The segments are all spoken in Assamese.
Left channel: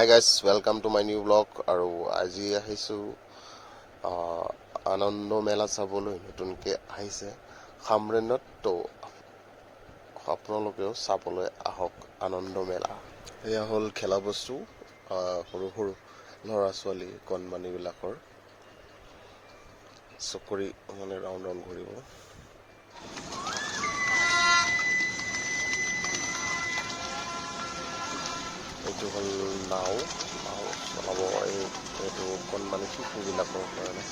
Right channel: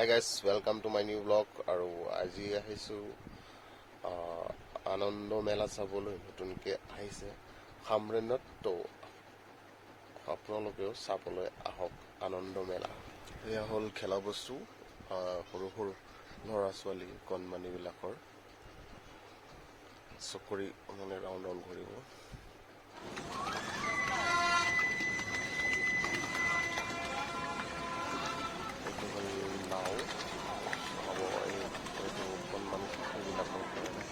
Hi guys, welcome to my new vlog. আৰু আজি আহিছোঁ আনন্দ মেলা চাবলৈ। নতুনকৈ আহিছে হামৰেনত, তো আপোনালোকেও চাবলৈ আহক আনন্দ মেলা। এয়া হ'ল খেলা বস্তু, সৰু সৰু ল'ৰা ছোৱালী কণমানিবিলাকৰ চকৰি মানে ৰাউণ্ড ৰাউণ্ড ঘূৰিব। এইটো হ'ল নাও চলাব, এইটো কণমানি শিশুবিলাকৰ কাৰণে।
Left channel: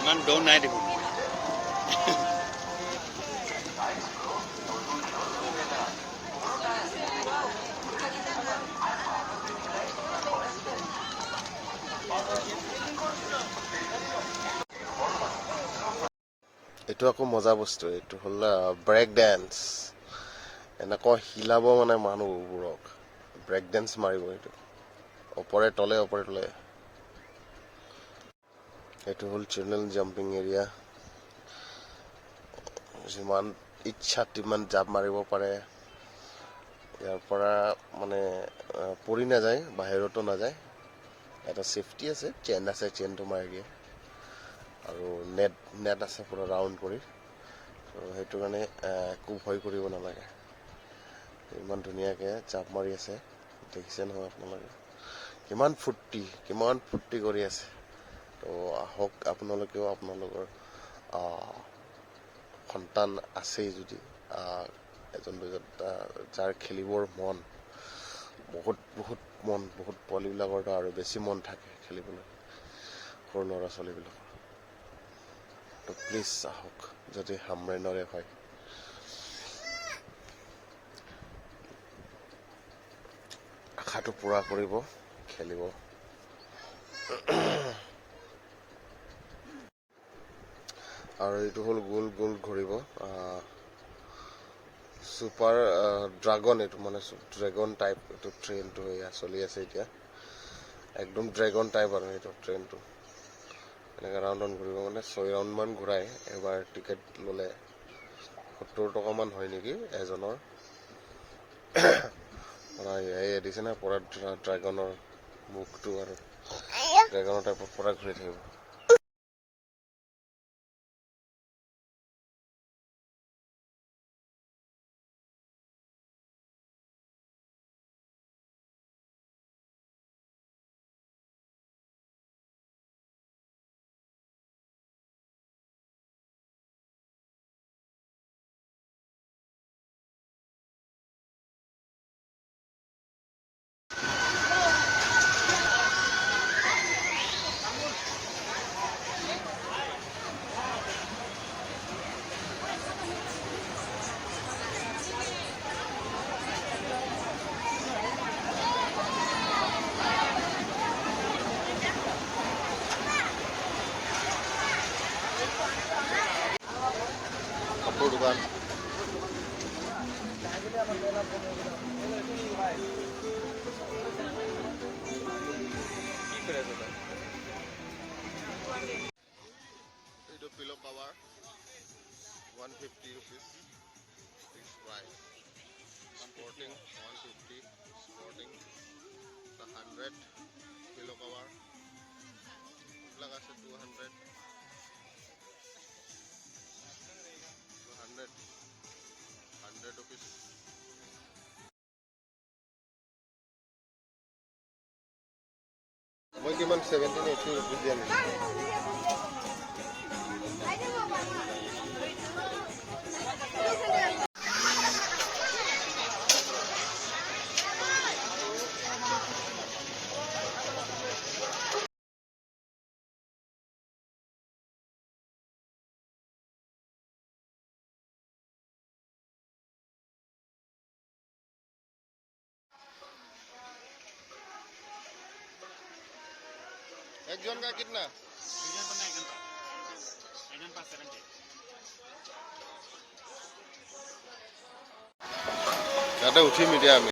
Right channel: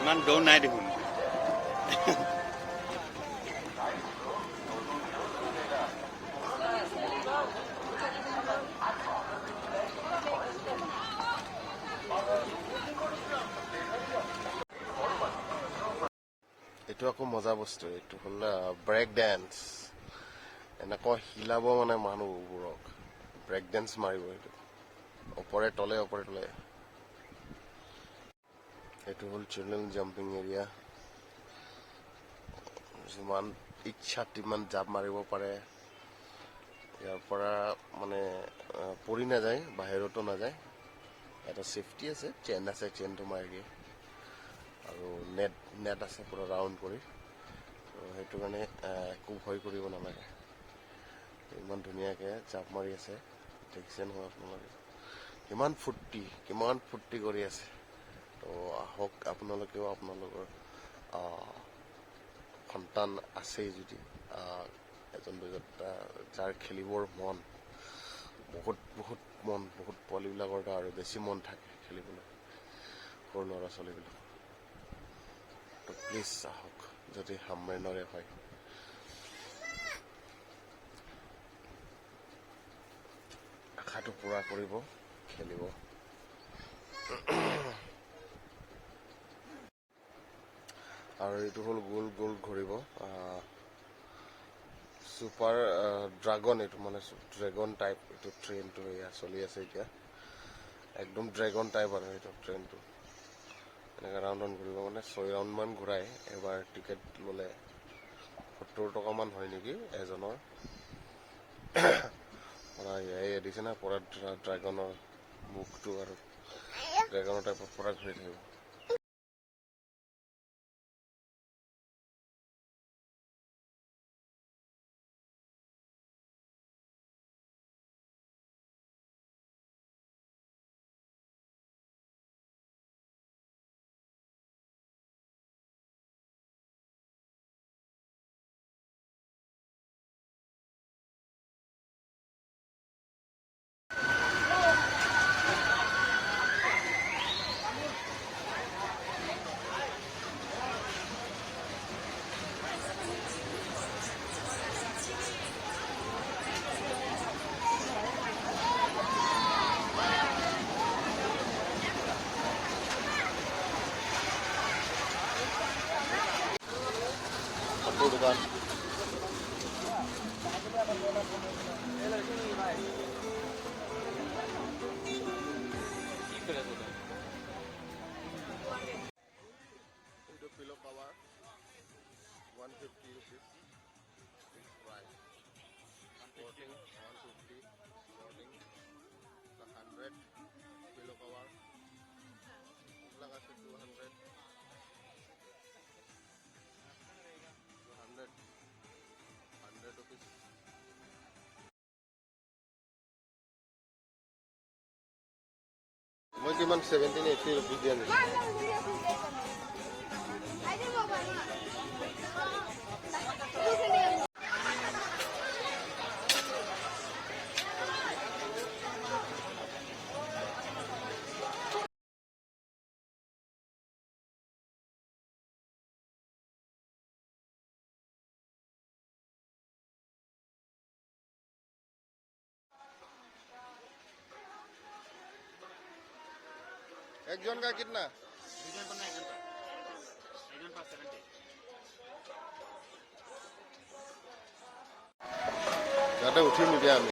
ইমান দ নাই দেখোন। এইটো আকৌ মজা বস্তু, এইটো হ'ল ব্ৰেক ডেন্স। এনেকুৱা হিলাব মানে মানুহবোৰক, ব্ৰেক ডেন্স মাৰিব। এইটো ওপৰে তলে ওপৰে তলে। এইটো হ'ল চিলড্ৰেন জাম্পিং এৰিয়া। যিমান ইচ্ছা তিমান জাপ মাৰিব পাৰে। ইয়াৰ পৰা মানে পৰি নাযায়, বাহিৰতো নাযায়। এটা ছেফটি আছে, চেইন আছে, চেইনটো মাৰি দিয়ে। আৰু নেট আছে পুৰা ৰাউণ্ড কৰি, তো সেইটো কাৰণে একো ভয় কৰিব নালাগে। ইমান ধুনীয়াকৈ জাপ মাৰি আছে, দেখিছে নহয় আপোনালোকে। কিমান ফূৰ্তি কৰি আছে। তো আহক আপোনালোকেও, আপোনালোকৰ সন্তান আছেই যদি, এজন দুজন যাৰ খেলিবৰ মন, বহুত পোৱালীবিলাকৰতো আৰু বেছি মন থাকে খেলিবলৈ, সৰু ল'ৰা ছোৱালীবিলাকৰ। তো প্লিজ আহক, যদি হামৰেনৰে হয়। আশাটো পূৰা কৰিব, খেলিব। আৰু এইটো হ'ল গোল গোল ঘূৰিব, ছুপাৰ ড্ৰাগন। এইটো মানে ড্ৰেগন টাইপ, এইটো ট্ৰেইনটো এয়া চলি আছে এতিয়া। একদম ড্ৰেগন টাইপ আৰু এইটো ট্ৰেইনটো। এনেকৈ ৰাউণ্ড ৰাউণ্ড ঘূৰিব, মানে 6 ৰাউণ্ডমান ঘূৰাই। এবাৰ টিকেট ল'লে 70 টকামান হয় নেকি এজনৰ। এই দিছে না পুৰা ড্ৰেগনৰ মুখটো, আৰু ড্ৰেগনৰ টাইপত পুৰা ঘূৰি থাকিব। কাপোৰ দোকান। এইটো pillow cover 150 rupees fixed price. Sporting 150, sporting 100, pillow cover এইবিলাক আছে 200, 100 rupees. মই কিমান 17-18 rupees দিয়া নেকি? एक जन का कितना? ইয়াতে উঠিম এতিয়া আমি।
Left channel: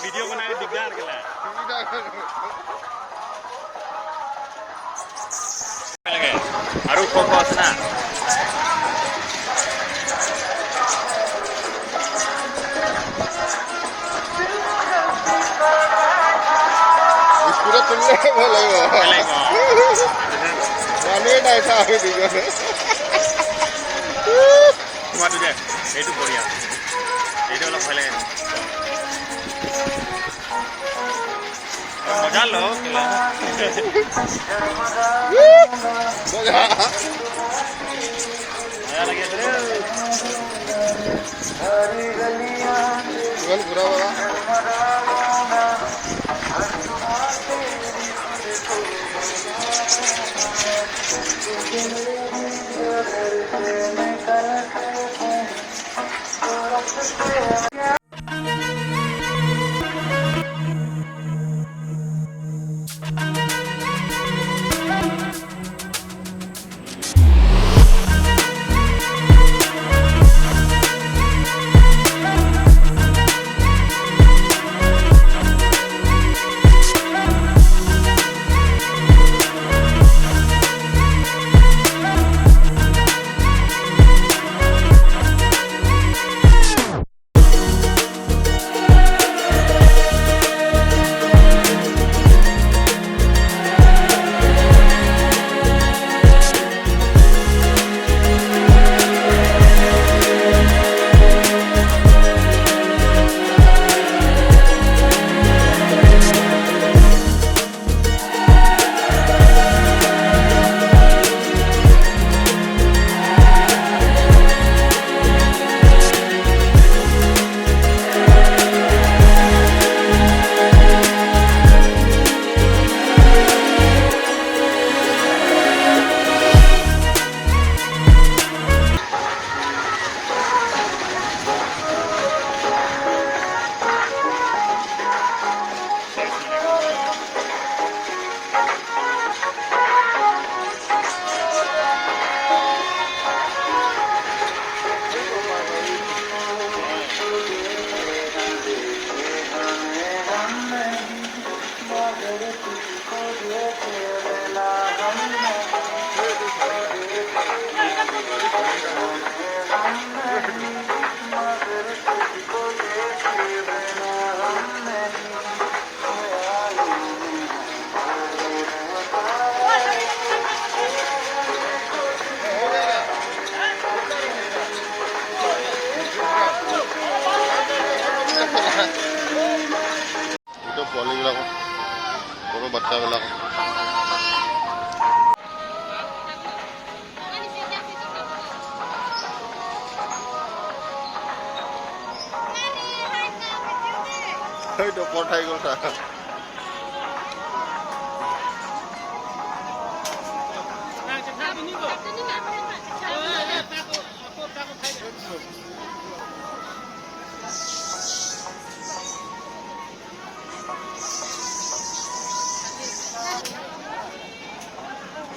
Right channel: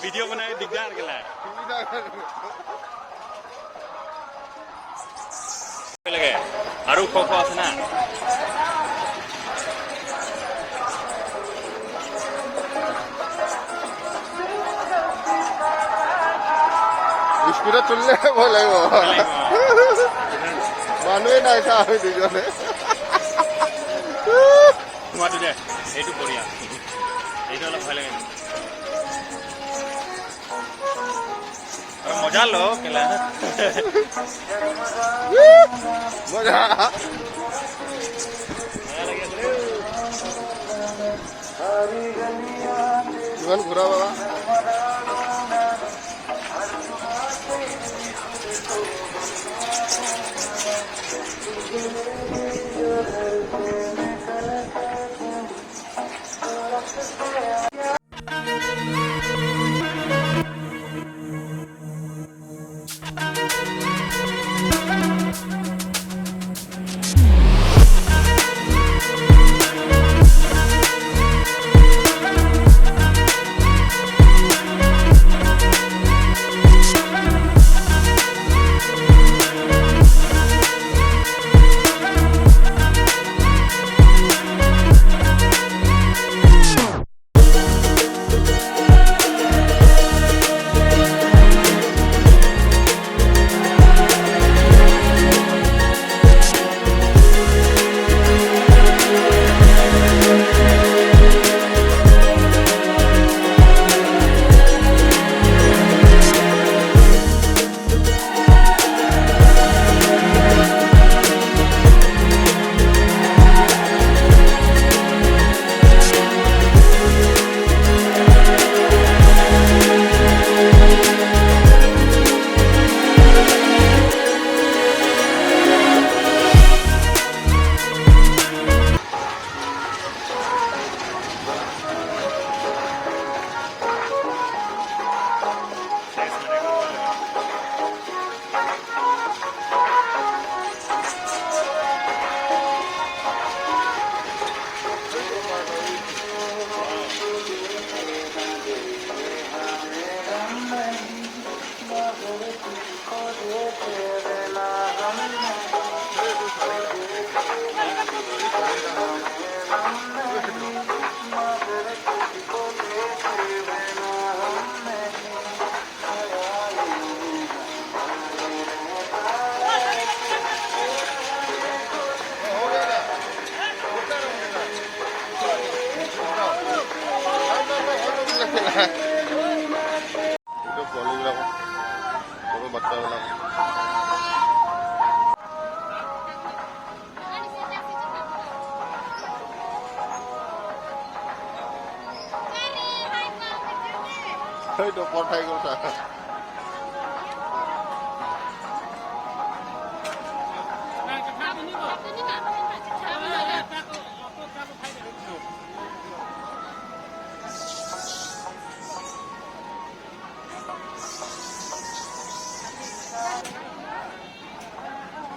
वीडियो बना के दिखदार के लिए আৰু খোৱা আছে না স্কুটাৰ তুললে ভয় লাগিব মানুহে নাই চা আমি দুজনে তোমাৰটো দে এইটো বঢ়িয়া এইটো অলপ ভয় লাগে মজা লো খেলা মজা ইমান ঘূৰা বাবা এইটো পোৱালিবিলাকক সৰু বাচ্চাবিলাকক এইটো পঠাই গ'ল চা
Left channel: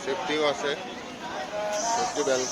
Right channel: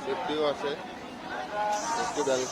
সেফটিও আছে সেফটি বেল্ট